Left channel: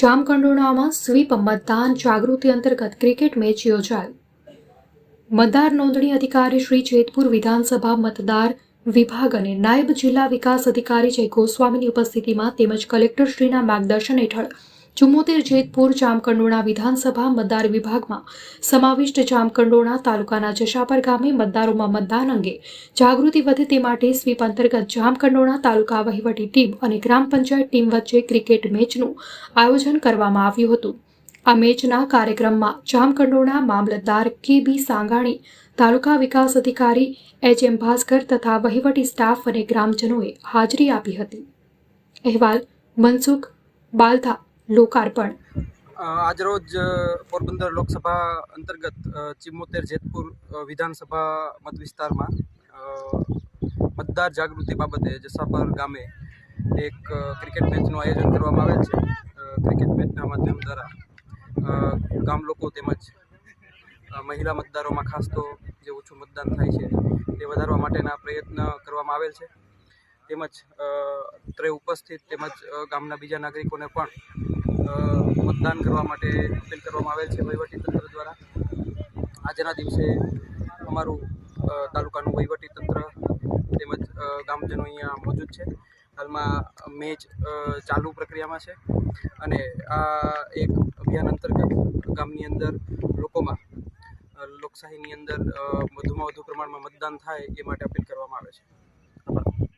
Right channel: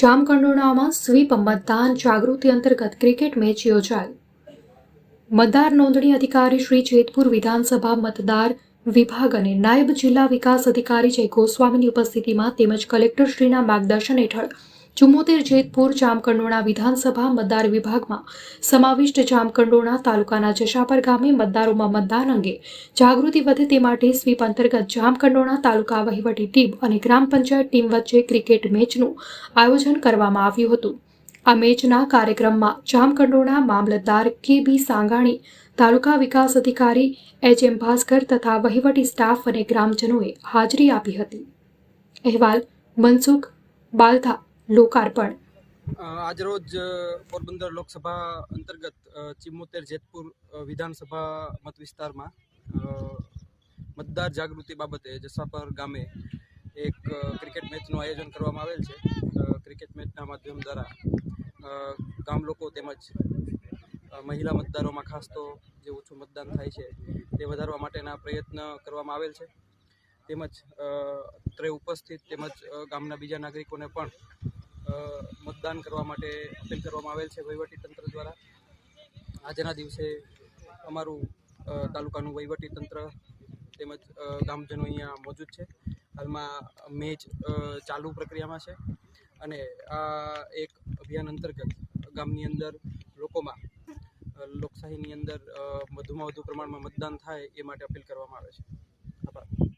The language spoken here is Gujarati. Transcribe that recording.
જામકંડોરણામાં સ્વીપ મતદાન જાગૃતિ અંતર્ગત ક્રિકેટ મેચ યોજાઈ। મતદાર નોંધણી અધિકારી શ્રી જેતપુર વિધાનસભા મતદાર વિભાગ અને નાયબ જિલ્લા વિકાસ અધિકારી જય ગોસ્વામીની ઉપસ્થિતિમાં તેમજ કલેક્ટરશ્રીના માર્ગદર્શન હેઠળ 74 જેતપુર જામકંડોરણા વિધાનસભા મતદાર વિભાગમાં સમાવિષ્ટ જામકંડોરણા તાલુકાના જશાપર ગામે મતદારોમાં મતદાન અંગે જાગૃતિ વધે તે માટે સ્વીપ અંતર્ગત જામકંડોરણા તાલુકા વહીવટી ટીમ અને ગ્રામ પંચાયત ટીમ વચ્ચે ક્રિકેટ મેચનું આયોજન કરવામાં આવ્યું હતું। આ મેચના કાર્યક્રમમાં જામકંડોરણા મામલતદાર કે.બી. સાંગાણી, તાલુકા વિકાસ અધિકારી એચ.એમ. ભાસ્કર તથા વહીવટી સ્ટાફ અને ગ્રામજનોએ હાજરી આપી હતી। અહેવાલ મનસુખ બાલથા, લોકાર્પણ। આજરોજ પોરબંદર લોકસભા અંતર્ગત 74 જેતપુર વિધાનસભા મત વિસ્તારમાં મતદાર જાગૃતિ બાબતે જસાપર ગામે એક ક્રિકેટ મેચનું આયોજન કરવામાં આવેલ છે। ક્રિકેટ મેચના માધ્યમ દ્વારા ગામ લોકો તેમજ મહિલા મતદારોમાં ખાસ તો જે ઓછું મતદાન થાય છે તે વધારવા માટેના પ્રયત્ન કરવામાં આવેલ છે। તેમજ અત્રે ઉપસ્થિત તેમજ ગામના બીજા નાગરિકોને પણ મતદાન કરવા માટે અપીલ કરવામાં આવેલ છે વહીવટીતંત્ર દ્વારા। આજના દિવસે અમારું તાલુકાનું વહીવટીતંત્ર તેમજ ગામજનો અહીંયા મોજૂદ છે। હાલમાં મેચ ચાલુ પ્રક્રિયામાં છે અને આ એક અભિયાન અંતર્ગત ગામની અંદર લોકોમાં લોકશાહીની અંદર વધુમાં વધુ પ્રમાણમાં મતદાન થાય એ માટે અપીલ કરવામાં આવે છે।